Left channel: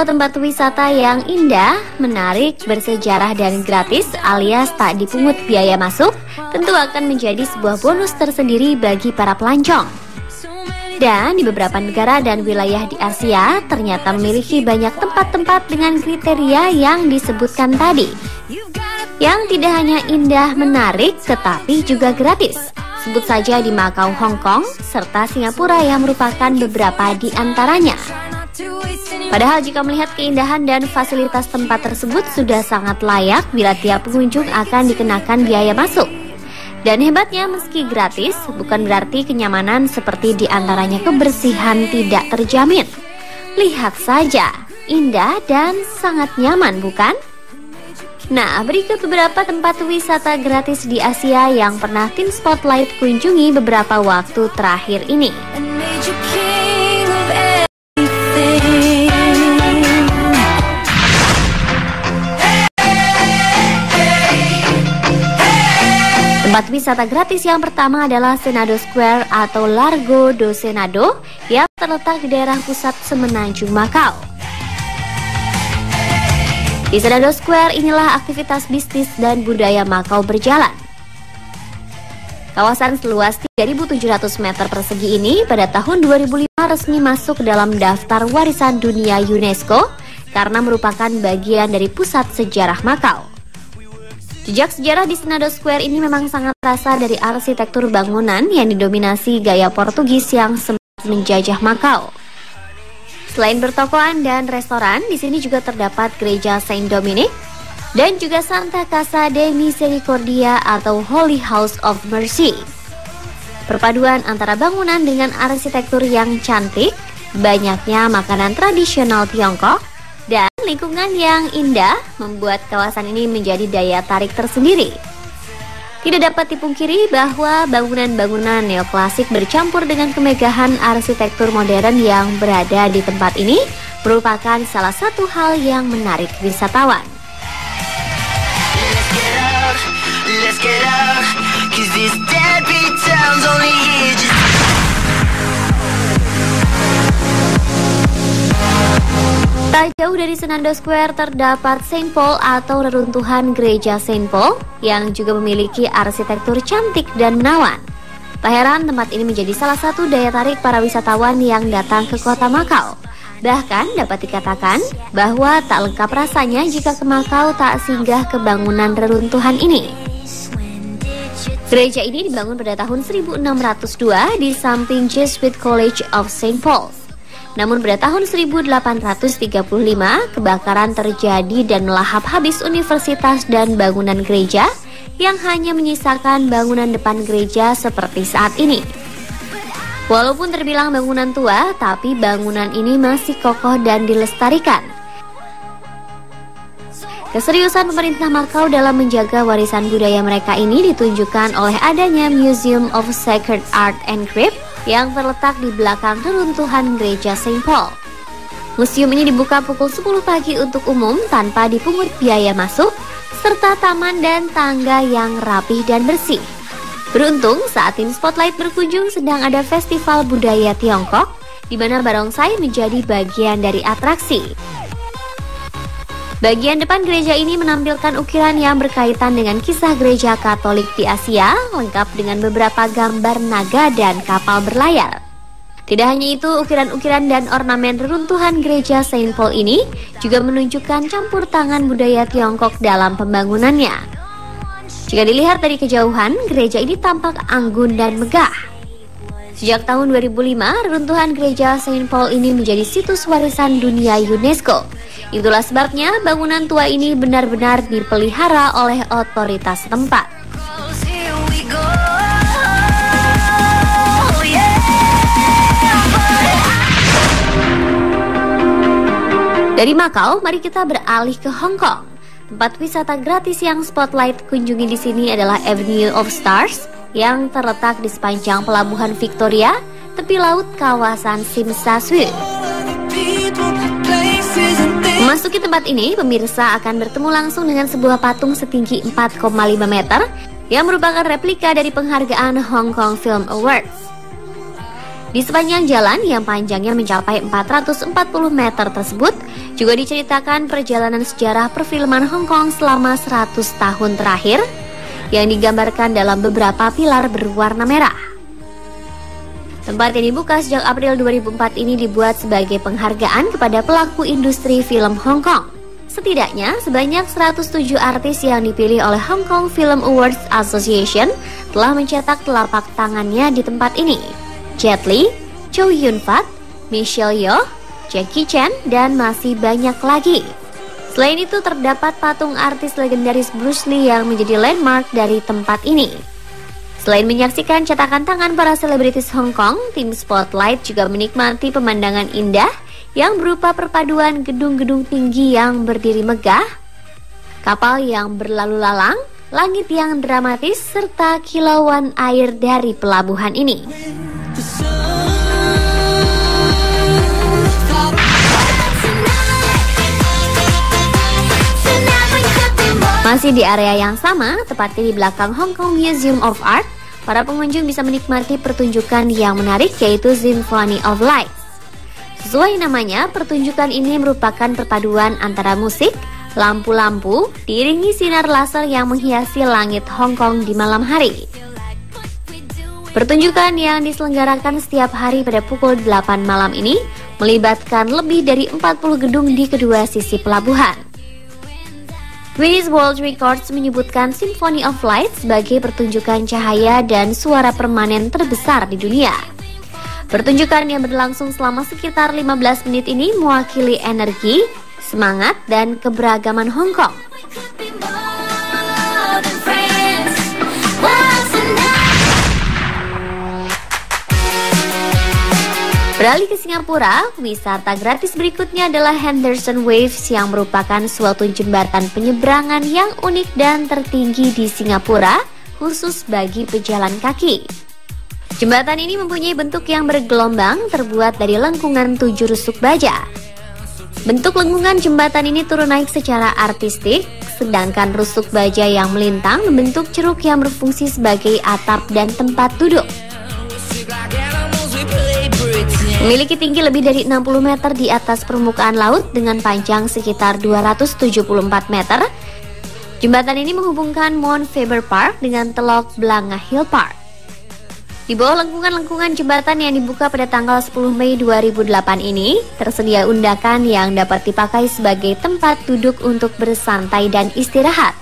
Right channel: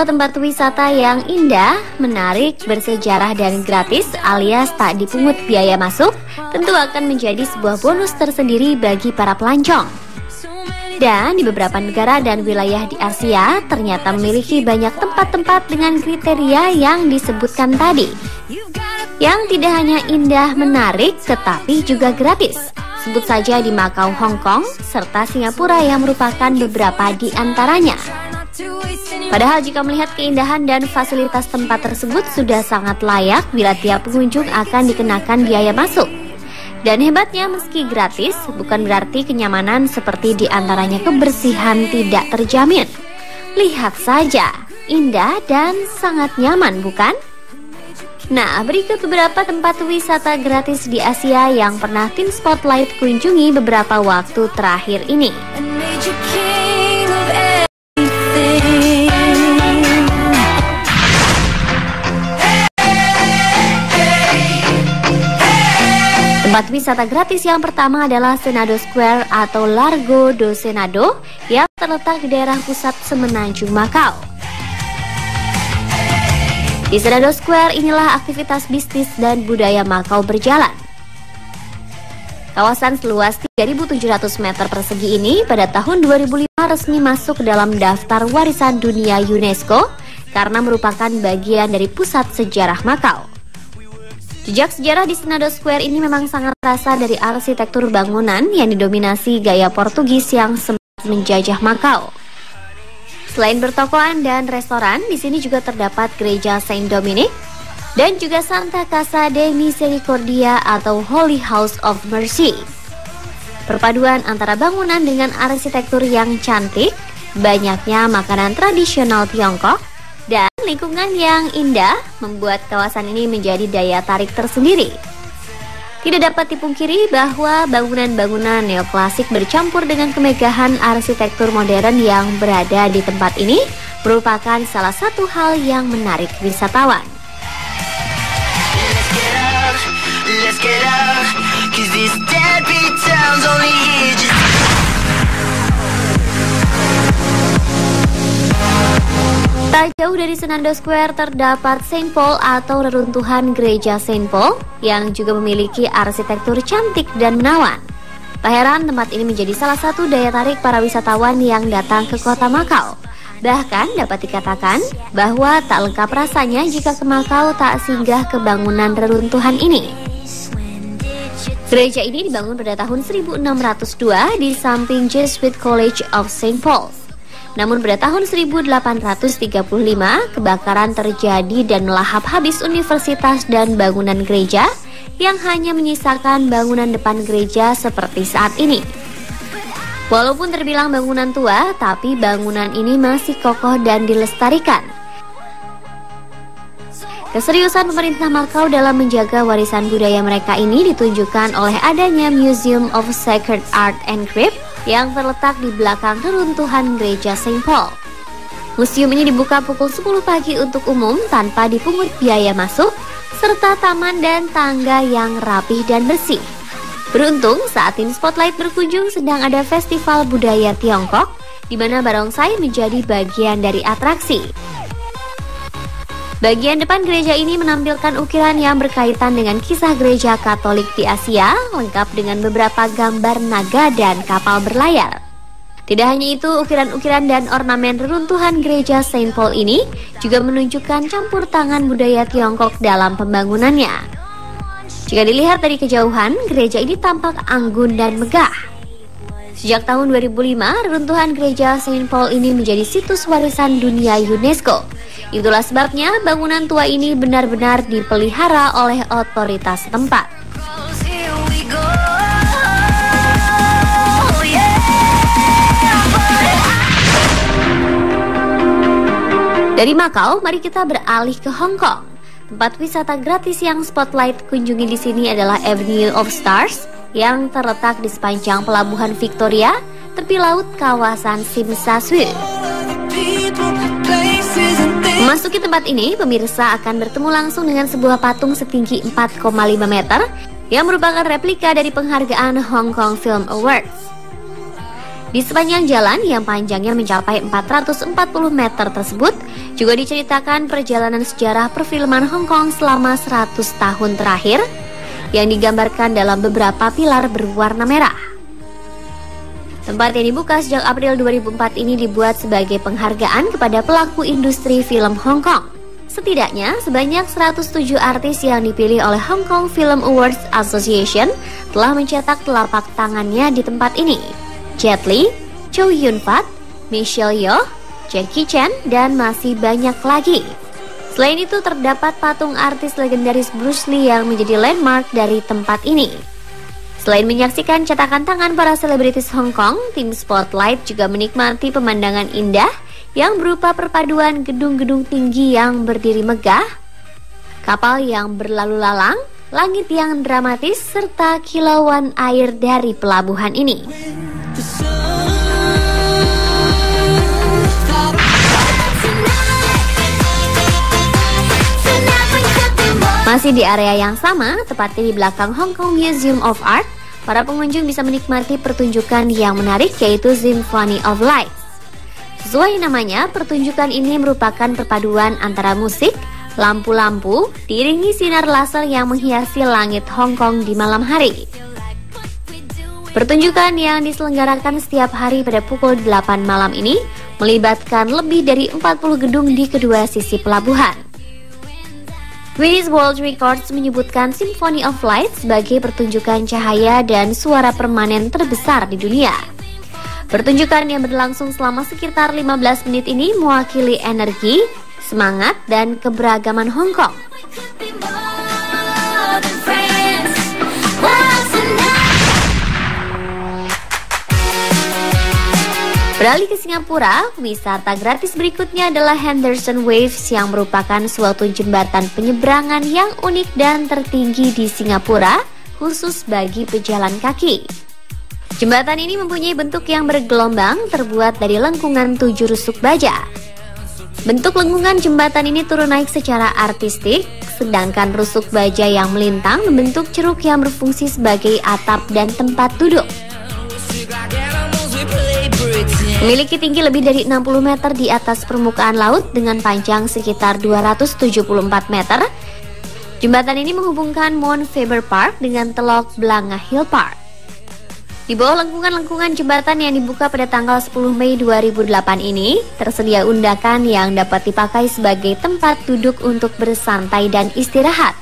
sebuah tempat wisata yang indah, menarik, bersejarah dan gratis alias tak dipungut biaya masuk, tentu akan menjadi sebuah bonus tersendiri bagi para pelancong. Dan di beberapa negara dan wilayah di Asia ternyata memiliki banyak tempat-tempat dengan kriteria yang disebutkan tadi, yang tidak hanya indah menarik tetapi juga gratis. Sebut saja di Macau, Hong Kong, serta Singapura yang merupakan beberapa di antaranya. Padahal jika melihat keindahan dan fasilitas tempat tersebut sudah sangat layak bila tiap pengunjung akan dikenakan biaya masuk. Dan hebatnya meski gratis, bukan berarti kenyamanan seperti di antaranya kebersihan tidak terjamin. Lihat saja, indah dan sangat nyaman bukan? Nah, berikut beberapa tempat wisata gratis di Asia yang pernah tim Spotlight kunjungi beberapa waktu terakhir ini. Tempat wisata gratis yang pertama adalah Senado Square atau Largo do Senado yang terletak di daerah pusat Semenanjung Macau. Di Senado Square inilah aktivitas bisnis dan budaya Macau berjalan. Kawasan seluas 3.700 meter persegi ini pada tahun 2005 resmi masuk dalam daftar warisan dunia UNESCO karena merupakan bagian dari pusat sejarah Macau. Jejak sejarah di Senado Square ini memang sangat terasa dari arsitektur bangunan yang didominasi gaya Portugis yang sempat menjajah Macau. Selain bertokoan dan restoran, di sini juga terdapat gereja Saint Dominic dan juga Santa Casa de Misericordia atau Holy House of Mercy. Perpaduan antara bangunan dengan arsitektur yang cantik, banyaknya makanan tradisional Tiongkok, dan lingkungan yang indah membuat kawasan ini menjadi daya tarik tersendiri. Tidak dapat dipungkiri bahwa bangunan-bangunan neoklasik bercampur dengan kemegahan arsitektur modern yang berada di tempat ini merupakan salah satu hal yang menarik wisatawan. Tak jauh dari Senado Square terdapat Saint Paul atau reruntuhan gereja Saint Paul yang juga memiliki arsitektur cantik dan menawan. Tak heran tempat ini menjadi salah satu daya tarik para wisatawan yang datang ke kota Macau. Bahkan dapat dikatakan bahwa tak lengkap rasanya jika ke Macau tak singgah ke bangunan reruntuhan ini. Gereja ini dibangun pada tahun 1602 di samping Jesuit College of Saint Paul's. Namun pada tahun 1835 kebakaran terjadi dan melahap habis universitas dan bangunan gereja yang hanya menyisakan bangunan depan gereja seperti saat ini. Walaupun terbilang bangunan tua, tapi bangunan ini masih kokoh dan dilestarikan. Keseriusan pemerintah Macau dalam menjaga warisan budaya mereka ini ditunjukkan oleh adanya Museum of Sacred Art and Craft yang terletak di belakang reruntuhan gereja Saint Paul. Museum ini dibuka pukul 10 pagi untuk umum tanpa dipungut biaya masuk, serta taman dan tangga yang rapi dan bersih. Beruntung saat tim Spotlight berkunjung sedang ada festival budaya Tiongkok, di mana barongsai menjadi bagian dari atraksi. Bagian depan gereja ini menampilkan ukiran yang berkaitan dengan kisah gereja Katolik di Asia, lengkap dengan beberapa gambar naga dan kapal berlayar. Tidak hanya itu, ukiran-ukiran dan ornamen reruntuhan gereja Saint Paul ini juga menunjukkan campur tangan budaya Tiongkok dalam pembangunannya. Jika dilihat dari kejauhan, gereja ini tampak anggun dan megah. Sejak tahun 2005, reruntuhan gereja Saint Paul ini menjadi situs warisan dunia UNESCO. Itulah sebabnya bangunan tua ini benar-benar dipelihara oleh otoritas setempat. Dari Macau, mari kita beralih ke Hong Kong. Tempat wisata gratis yang Spotlight kunjungi di sini adalah Avenue of Stars yang terletak di sepanjang pelabuhan Victoria, tepi laut kawasan Tsim Sha Tsui. Memasuki tempat ini, pemirsa akan bertemu langsung dengan sebuah patung setinggi 4,5 meter yang merupakan replika dari penghargaan Hong Kong Film Awards. Di sepanjang jalan yang panjangnya mencapai 440 meter tersebut, juga diceritakan perjalanan sejarah perfilman Hong Kong selama 100 tahun terakhir, yang digambarkan dalam beberapa pilar berwarna merah. Tempat yang dibuka sejak April 2004 ini dibuat sebagai penghargaan kepada pelaku industri film Hong Kong. Setidaknya sebanyak 107 artis yang dipilih oleh Hong Kong Film Awards Association telah mencetak telapak tangannya di tempat ini. Jet Li, Chow Yun-fat, Michelle Yeoh, Jackie Chan, dan masih banyak lagi. Selain itu terdapat patung artis legendaris Bruce Lee yang menjadi landmark dari tempat ini. Selain menyaksikan cetakan tangan para selebritis Hong Kong, tim Spotlight juga menikmati pemandangan indah yang berupa perpaduan gedung-gedung tinggi yang berdiri megah, kapal yang berlalu lalang, langit yang dramatis, serta kilauan air dari pelabuhan ini. Masih di area yang sama, tepatnya di belakang Hong Kong Museum of Art, para pengunjung bisa menikmati pertunjukan yang menarik, yaitu Symphony of Light. Sesuai namanya, pertunjukan ini merupakan perpaduan antara musik, lampu-lampu, diiringi sinar laser yang menghiasi langit Hong Kong di malam hari. Pertunjukan yang diselenggarakan setiap hari pada pukul 8 malam ini melibatkan lebih dari 40 gedung di kedua sisi pelabuhan. Guinness World Records menyebutkan Symphony of Light sebagai pertunjukan cahaya dan suara permanen terbesar di dunia. Pertunjukan yang berlangsung selama sekitar 15 menit ini mewakili energi, semangat, dan keberagaman Hong Kong. Beralih ke Singapura, wisata gratis berikutnya adalah Henderson Waves yang merupakan suatu jembatan penyeberangan yang unik dan tertinggi di Singapura, khusus bagi pejalan kaki. Jembatan ini mempunyai bentuk yang bergelombang, terbuat dari lengkungan 7 rusuk baja. Bentuk lengkungan jembatan ini turun naik secara artistik, sedangkan rusuk baja yang melintang membentuk ceruk yang berfungsi sebagai atap dan tempat duduk. Memiliki tinggi lebih dari 60 meter di atas permukaan laut dengan panjang sekitar 274 meter. Jembatan ini menghubungkan Mount Faber Park dengan Teluk Blanga Hill Park. Di bawah lengkungan-lengkungan jembatan yang dibuka pada tanggal 10 Mei 2008 ini, tersedia undakan yang dapat dipakai sebagai tempat duduk untuk bersantai dan istirahat.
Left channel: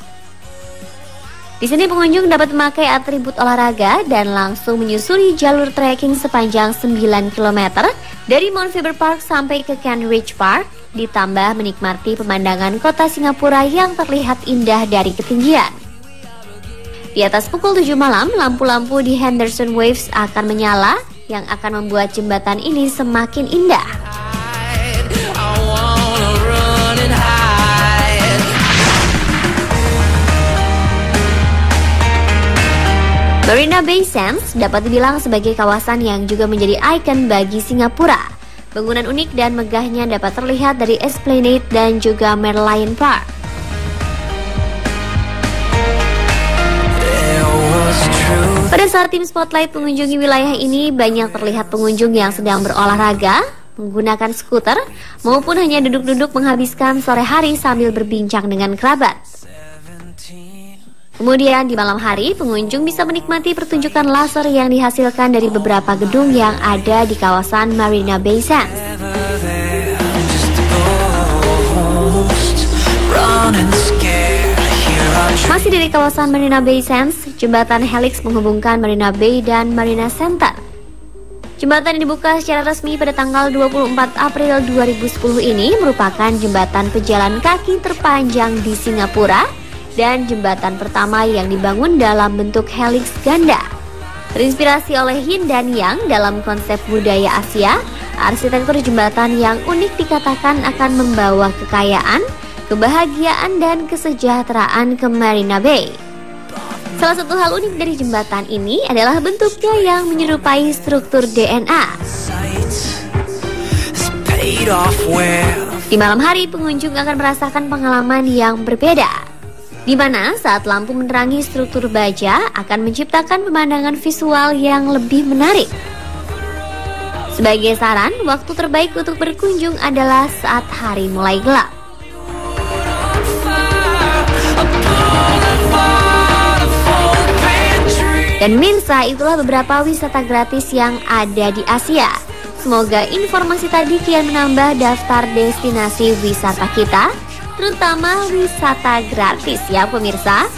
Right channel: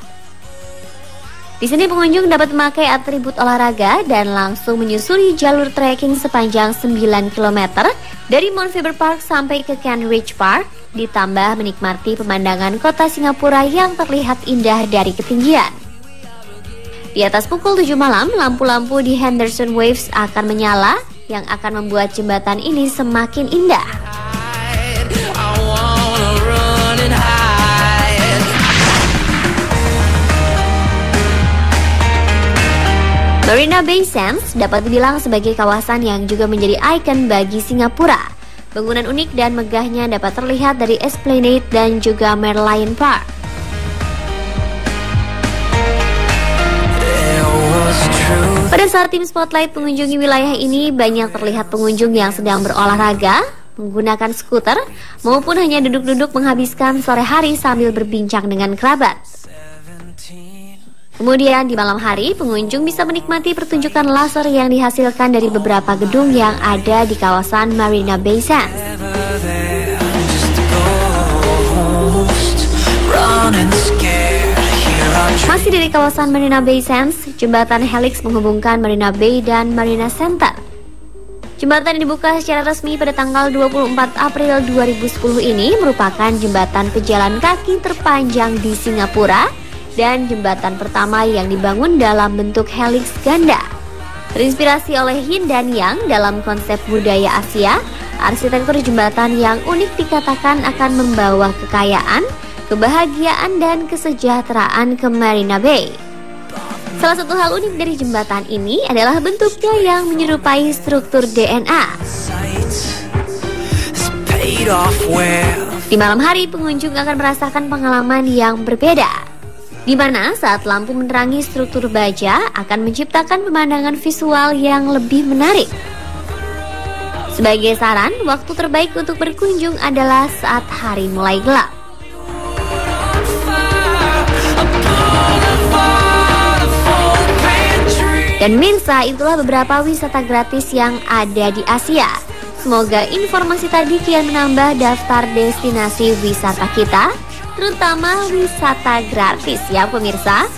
Di sini pengunjung dapat memakai atribut olahraga dan langsung menyusuri jalur trekking sepanjang 9 km dari Mount Faber Park sampai ke Kent Ridge Park, ditambah menikmati pemandangan kota Singapura yang terlihat indah dari ketinggian. Di atas pukul 7 malam, lampu-lampu di Henderson Waves akan menyala yang akan membuat jembatan ini semakin indah. Marina Bay Sands dapat dibilang sebagai kawasan yang juga menjadi ikon bagi Singapura. Bangunan unik dan megahnya dapat terlihat dari Esplanade dan juga Merlion Park. Pada saat tim Spotlight mengunjungi wilayah ini, banyak terlihat pengunjung yang sedang berolahraga, menggunakan skuter, maupun hanya duduk-duduk menghabiskan sore hari sambil berbincang dengan kerabat. Kemudian di malam hari, pengunjung bisa menikmati pertunjukan laser yang dihasilkan dari beberapa gedung yang ada di kawasan Marina Bay Sands. Masih dari kawasan Marina Bay Sands, jembatan Helix menghubungkan Marina Bay dan Marina Center. Jembatan yang dibuka secara resmi pada tanggal 24 April 2010 ini merupakan jembatan pejalan kaki terpanjang di Singapura dan jembatan pertama yang dibangun dalam bentuk helix ganda. Terinspirasi oleh Yin dan Yang dalam konsep budaya Asia, arsitektur jembatan yang unik dikatakan akan membawa kekayaan, kebahagiaan, dan kesejahteraan ke Marina Bay. Salah satu hal unik dari jembatan ini adalah bentuknya yang menyerupai struktur DNA. Di malam hari, pengunjung akan merasakan pengalaman yang berbeda, di mana saat lampu menerangi struktur baja akan menciptakan pemandangan visual yang lebih menarik. Sebagai saran, waktu terbaik untuk berkunjung adalah saat hari mulai gelap. Dan pemirsa, itulah beberapa wisata gratis yang ada di Asia. Semoga informasi tadi kian menambah daftar destinasi wisata kita, terutama wisata gratis ya pemirsa.